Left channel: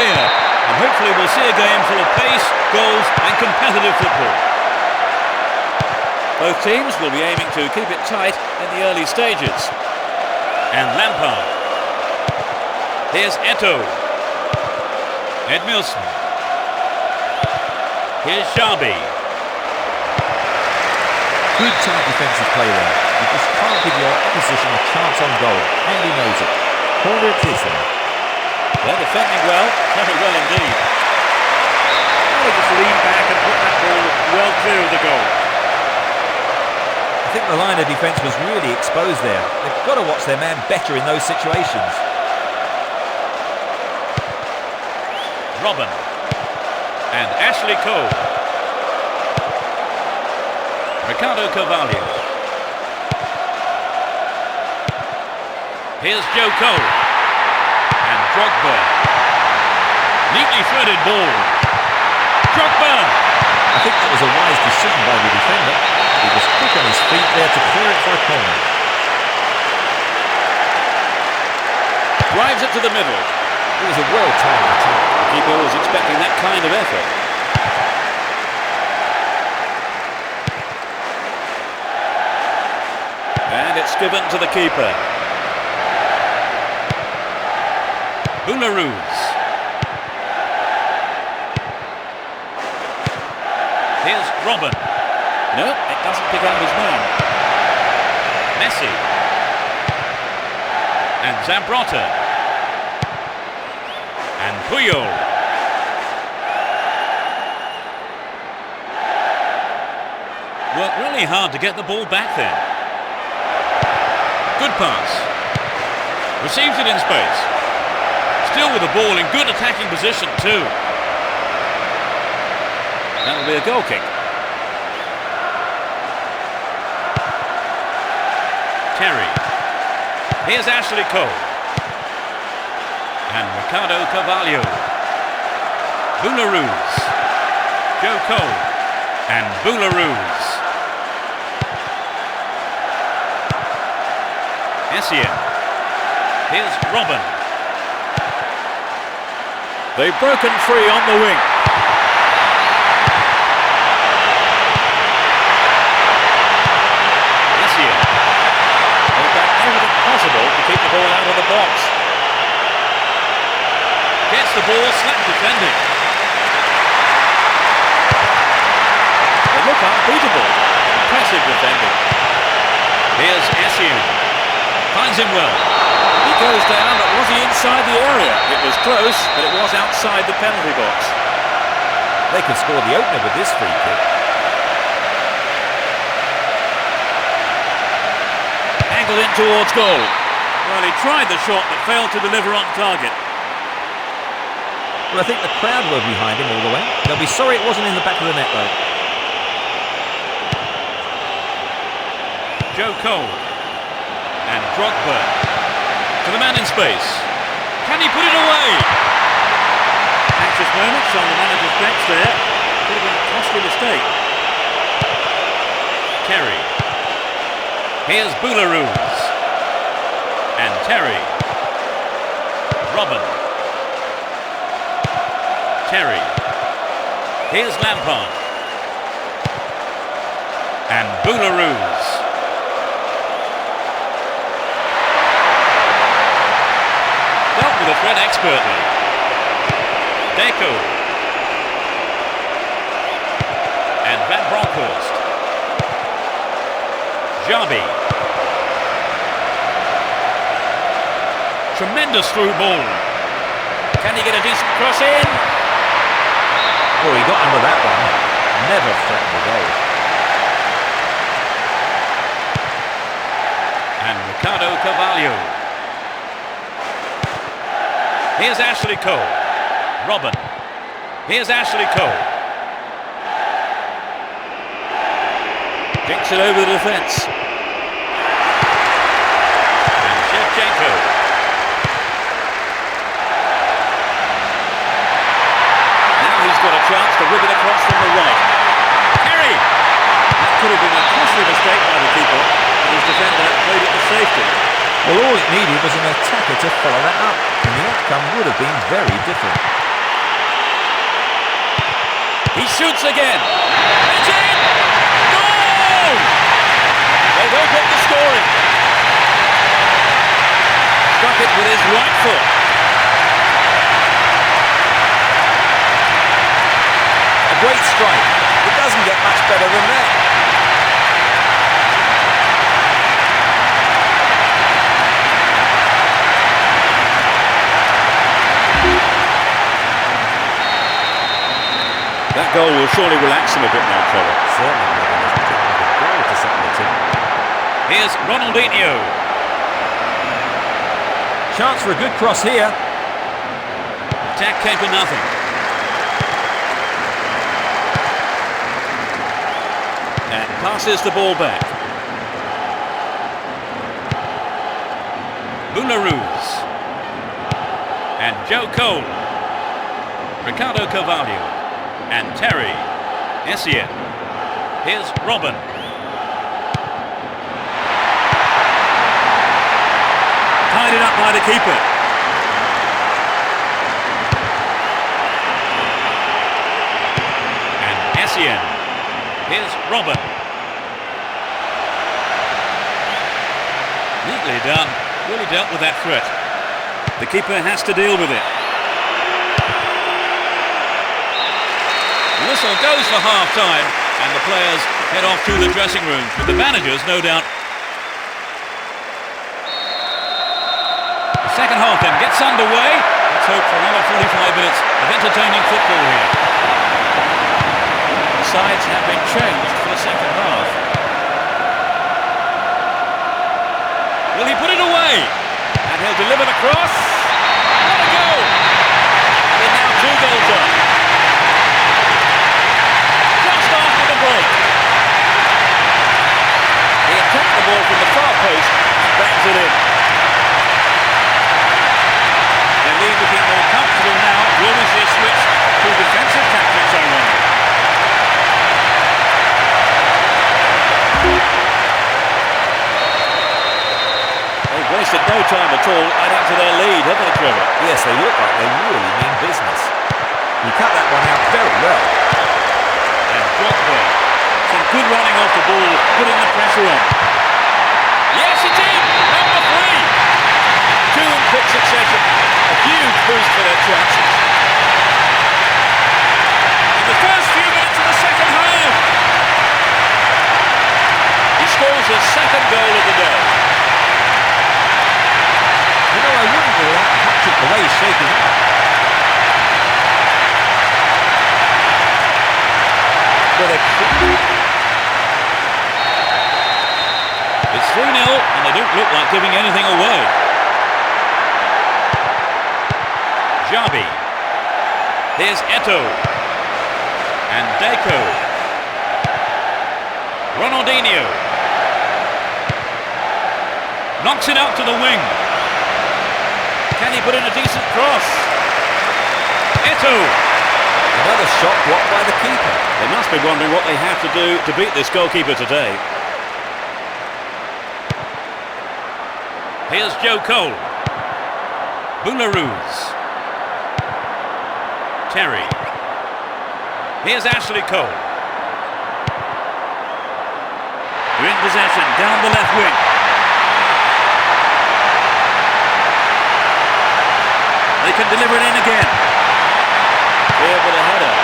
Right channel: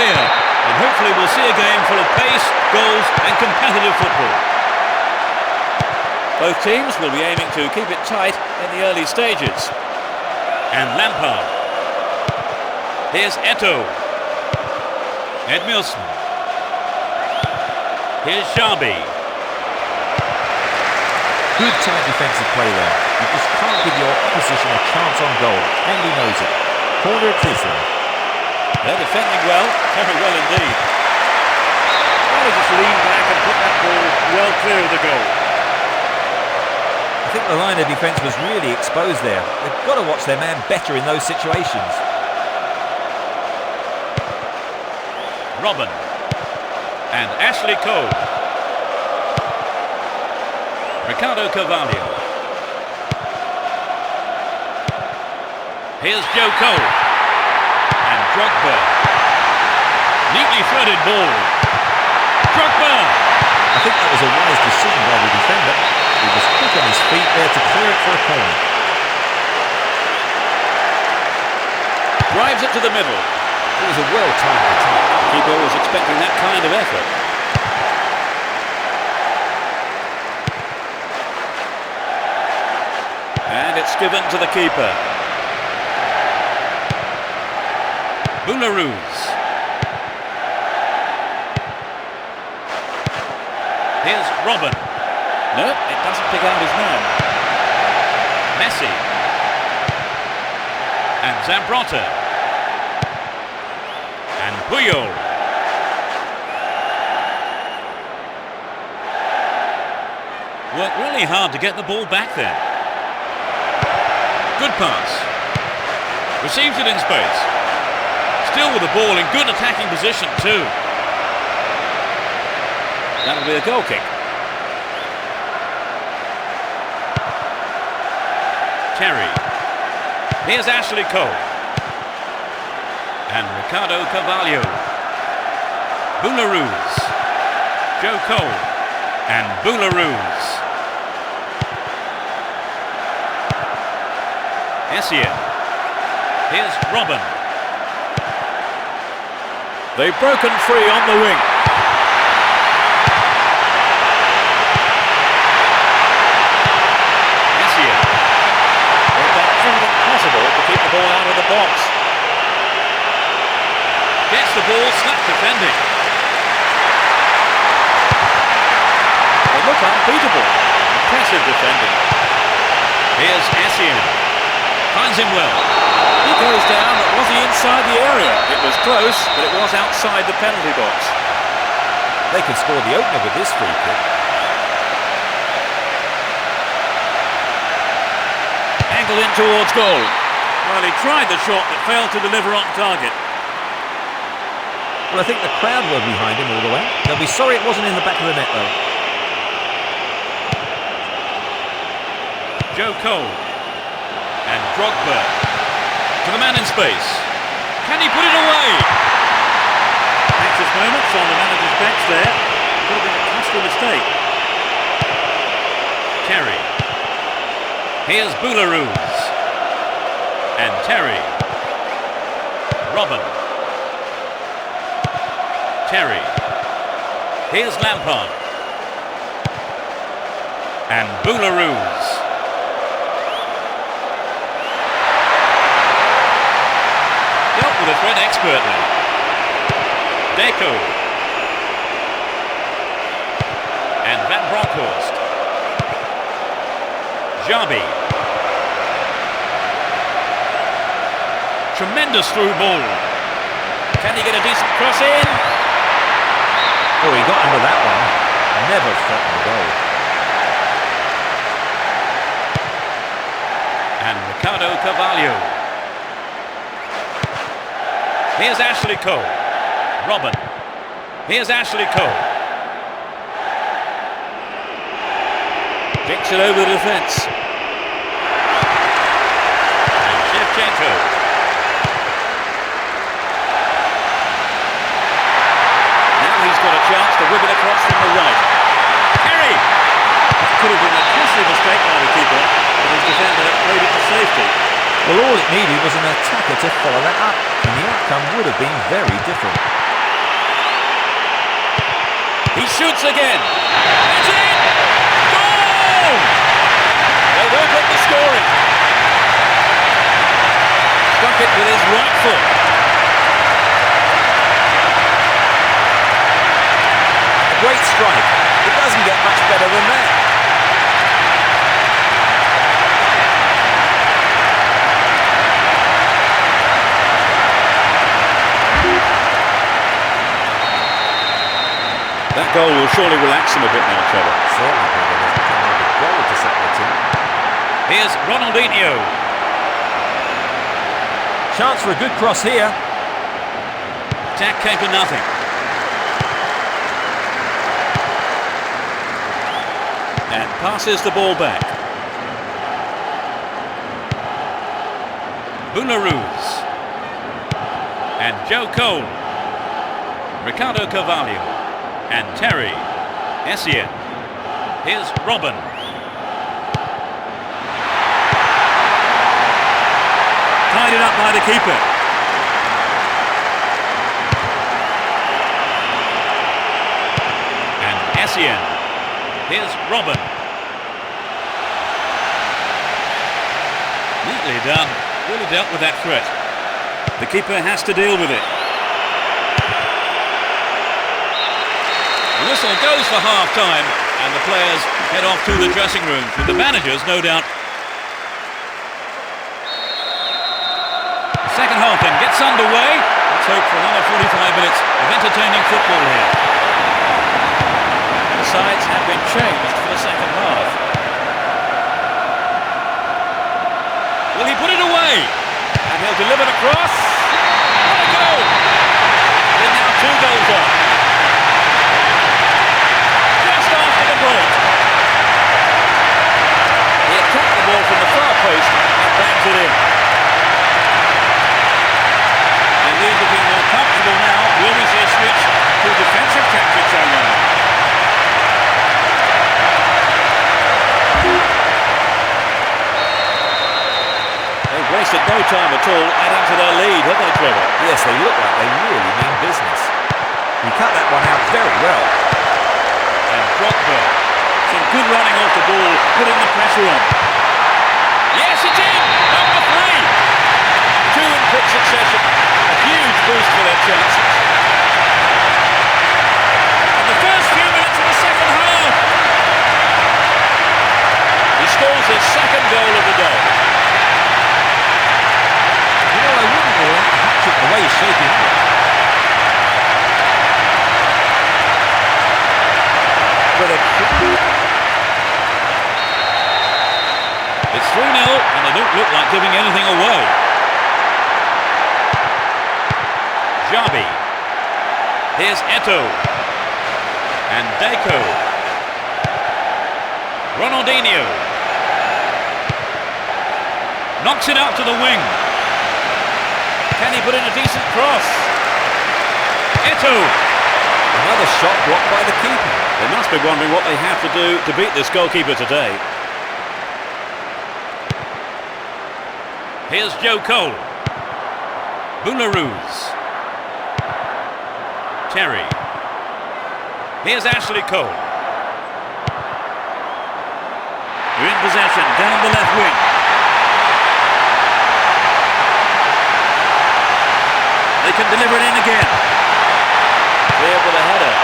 clear, and hopefully we'll see a game full of pace, goals and competitive football. Both teams will be aiming to keep it tight in the early stages. And Lampard. Here's Eto'o. Edmilson. Here's Xabi. Good tight defensive play there. You just can't give your opposition a chance on goal, and he knows it. Corner it is then. They're defending well, very well indeed. Well, they just lean back and put that ball well clear of the goal. I think the line of defence was really exposed there. They've got to watch their man better in those situations. Robin. And Ashley Cole. Ricardo Carvalho. Here's Joe Cole. And Drogba. Neatly threaded ball. Drogba! I think that was a wise decision by the defender. He was quick on his feet there to clear it for a corner. Drives it to the middle. It was a well-timed attack. The keeper was expecting that kind of effort. And it's given to the keeper. Boularus. Here's Robin. No, it doesn't pick out his man. Messi. And Zambrotta. And Puyol. Worked really hard to get the ball back then. Good pass. Receives it in space. Still with the ball in good attacking position too. That'll be a goal kick. Terry. Here's Ashley Cole. And Ricardo Carvalho. Boularus. Joe Cole. And Boularus. Essien. Here's Robin. They've broken free on the wing. Essien. They've done everything possible to keep the ball out of the box. Gets the ball, slap defending. They look unbeatable. Impressive defending. Here's Essien. Finds him well. He goes down, but was he inside the area? It was close, but it was outside the penalty box. They could score the opener with this free kick. Angled in towards goal. Well, he tried the shot, but failed to deliver on target. Well, I think the crowd were behind him all the way. They'll be sorry it wasn't in the back of the net, though. Joe Cole. And Drogba. To the man in space. Can he put it away? Anxious moments on the manager's bench there. Could have been a costly mistake. Terry. Here's Boularus. And Terry. Robin. Terry. Here's Lampard. And Boularus. Dealt with the threat expertly. Deco. And Van Bronckhorst. Xabi. Tremendous through ball. Can he get a decent cross in? Oh, he got under that one. Never threatened the goal. And Ricardo Carvalho. Here's Ashley Cole. Robin. Here's Ashley Cole. Kicks it over the defence. And Shevchenko. Now he's got a chance to whip it across from the right. Terry! That could have been a costly mistake by the keeper, but his defender played it to safety. Well, all it needed was an attacker to follow that up, and the outcome would have been very different. He shoots again. It's in! Goal! They've opened the scoring. Struck it with his right foot. A great strike. It doesn't get much better than that. That goal will surely relax him a bit now, Trevor. Certainly, Peter. There's become like a goal to settle the team. Here's Ronaldinho. Chance for a good cross here. Attack came to nothing. And passes the ball back. Boularus. And Joe Cole. Ricardo Carvalho. And Terry. Essien. Here's Robin. Tied it up by the keeper. And Essien. Here's Robin. Neatly done. Really dealt with that threat. The keeper has to deal with it. The whistle goes for half-time, and the players head off to the dressing rooms, with the managers, no doubt. The second half then gets underway. Let's hope for another 45 minutes of entertaining football here. The sides have been changed for the second half. Will he put it away? And he'll deliver the cross. What a goal! They're now 2 goals up. Just after the break. He attacked the ball from the far post and bangs it in. The lead looking more comfortable now. Will we see a switch to defensive tactics, I wonder? They've wasted no time at all adding to their lead, haven't they, Trevor? Yes, they look like they really mean business. He cut that one out very well. And Drogba. Some good running off the ball, putting the pressure on. Yes, it's in! Number 3! 2 in quick succession. A huge boost for their chances. In the first few minutes of the second half, he scores his second goal of the day. You know, I wouldn't rule out a hat-trick the way he's shaping up. But it's 3-0 and they don't look like giving anything away. Javi. Here's Eto'o. And Deco. Ronaldinho. Knocks it out to the wing. Can he put in a decent cross? Eto'o. Another shot blocked by the keeper. They must be wondering what they have to do to beat this goalkeeper today. Here's Joe Cole. Boularus. Terry. Here's Ashley Cole. They're in possession down the left wing. They can deliver it in again. Clear with a header.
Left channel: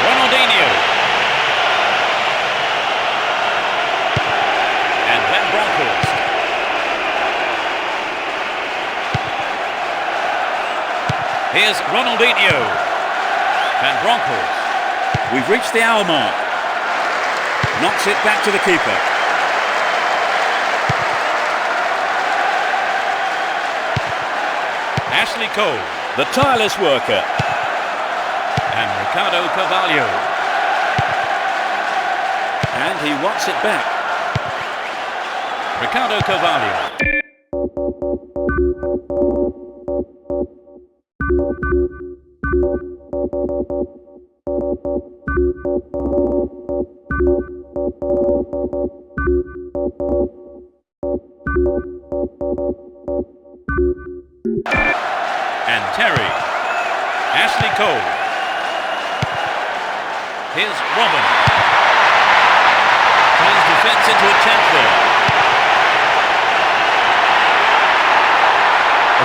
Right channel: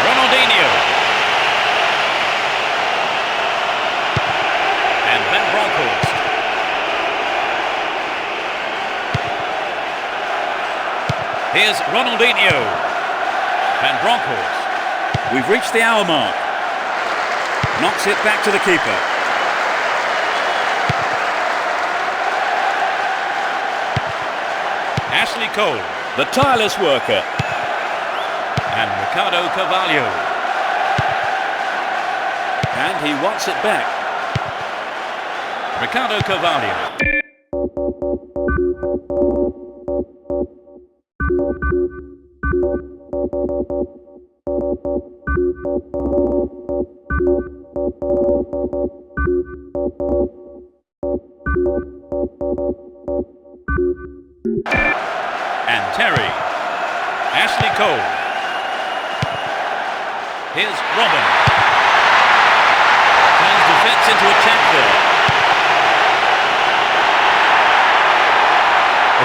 Ronaldinho. And Van Bronckhorst. Here's Ronaldinho. Van Bronckhorst. We've reached the hour mark. Knocks it back to the keeper. Ashley Cole, the tireless worker. And Ricardo Carvalho. And he wants it back. Ricardo Carvalho. And Terry. Ashley Cole. Here's Robin. Turns defence into attack there.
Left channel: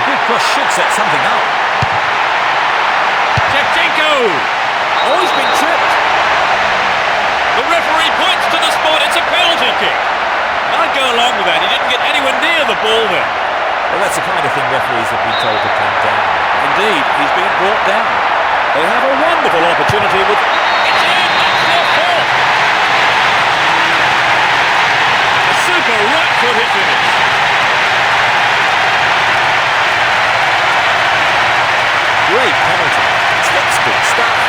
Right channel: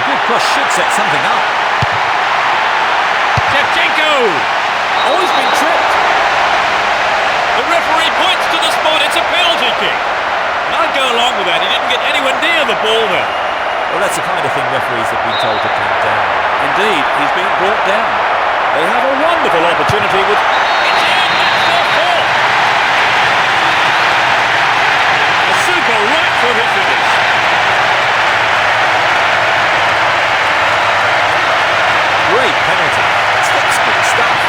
A good cross should set something up. Shevchenko! Oh, he's been tripped. The referee points to the spot. It's a penalty kick. And I'd go along with that. He didn't get anywhere near the ball there. Well, that's the kind of thing referees have been told to clamp down. Indeed, he's been brought down. They have a wonderful opportunity with... It's in! That's their fourth! A super right-footed finish. Great penalty. Textbook stuff.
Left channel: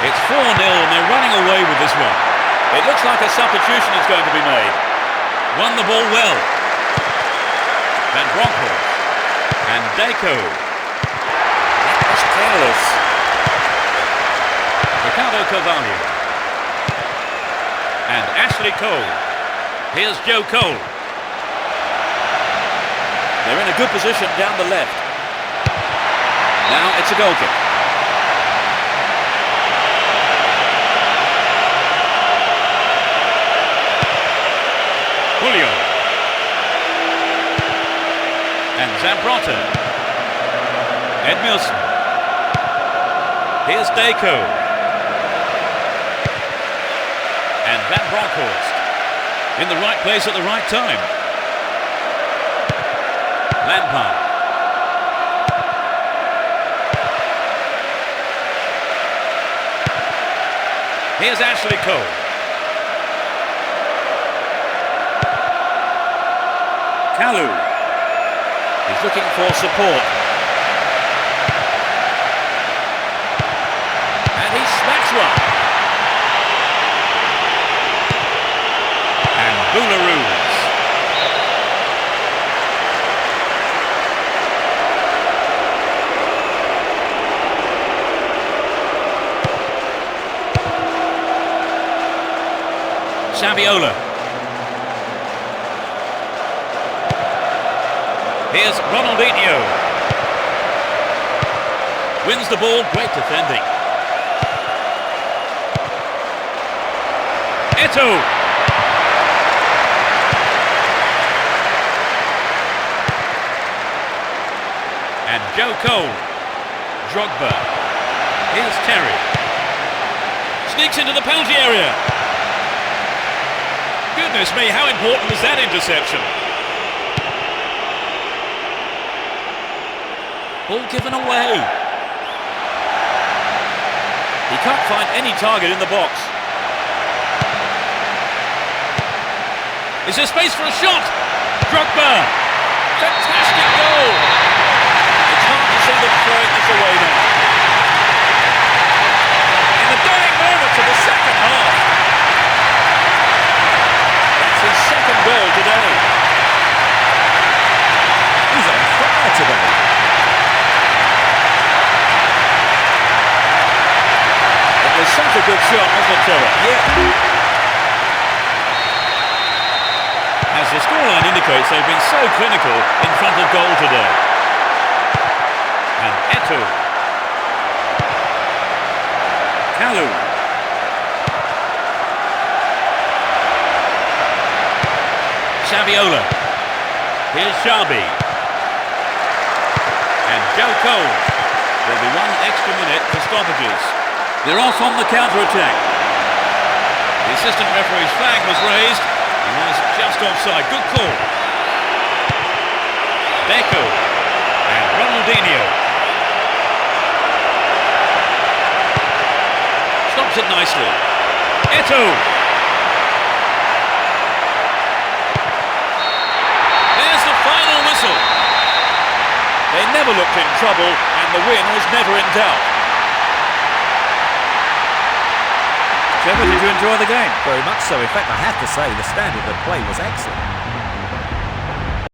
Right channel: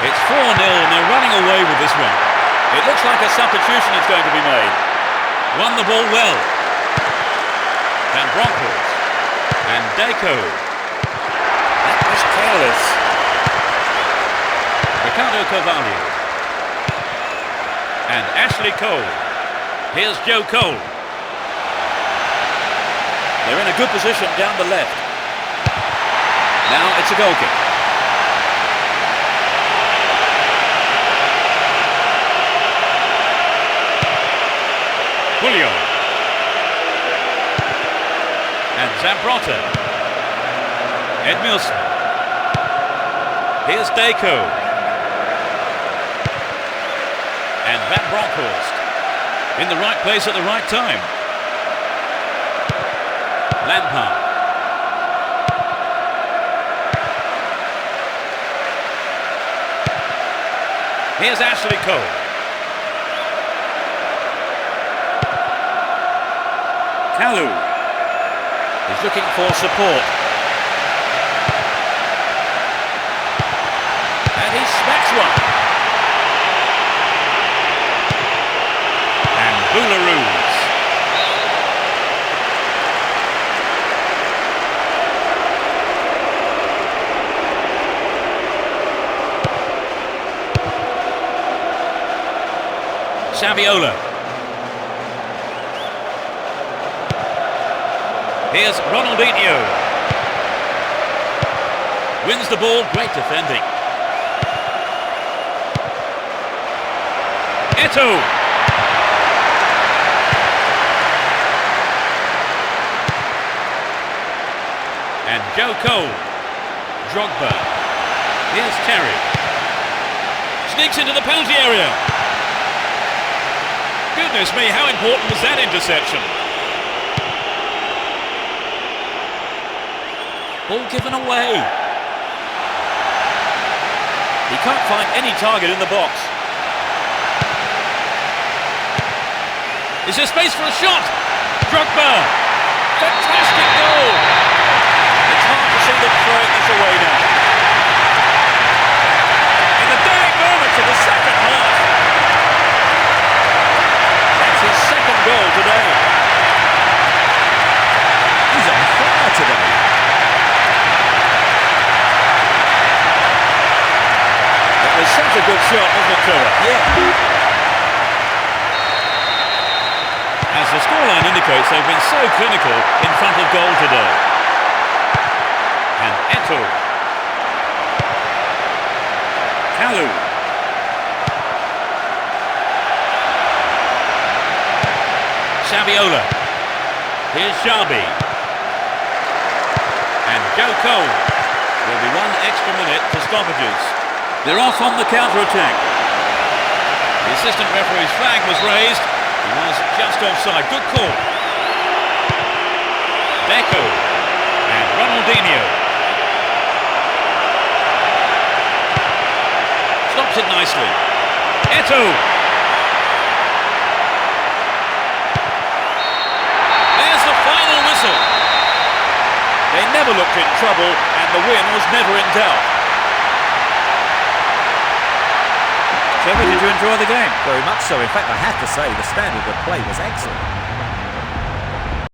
It's 4-0 and they're running away with this one. It looks like a substitution is going to be made. Won the ball well. Van Bronckhorst. And Deco. That was careless. Ricardo Carvalho. And Ashley Cole. Here's Joe Cole. They're in a good position down the left. Now it's a goal kick. Julio. And Zambrotta. Edmilson. Here's Deco. And Van Bronckhorst. In the right place at the right time. Lampard. Here's Ashley Cole. Kalu. He's looking for support. And he smacks one. And Boularus. Saviola. Here's Ronaldinho. Wins the ball, great defending. Eto'o. And Joe Cole. Drogba. Here's Terry. Sneaks into the penalty area. Goodness me, how important was that interception? Ball given away. He can't find any target in the box. Is there space for a shot? Drogba. Fantastic goal. It's hard to see them throwing this away now. In the dying moments of the second half. That's his second goal today. He's on fire today. It was such a good shot, wasn't it, Trevor? Yeah. As the scoreline indicates, they've been so clinical in front of goal today. And Eto'o. Kalu. Saviola. Here's Sharby. And Joe Cole. There'll be one extra minute for stoppages. They're off on the counter-attack. The assistant referee's flag was raised. He was just offside. Good call. Deco. And Ronaldinho. Stops it nicely. Eto'o. There's the final whistle. They never looked in trouble, and the win was never in doubt. Trevor, did you enjoy the game? Very much so. In fact, I have to say the standard of play was excellent.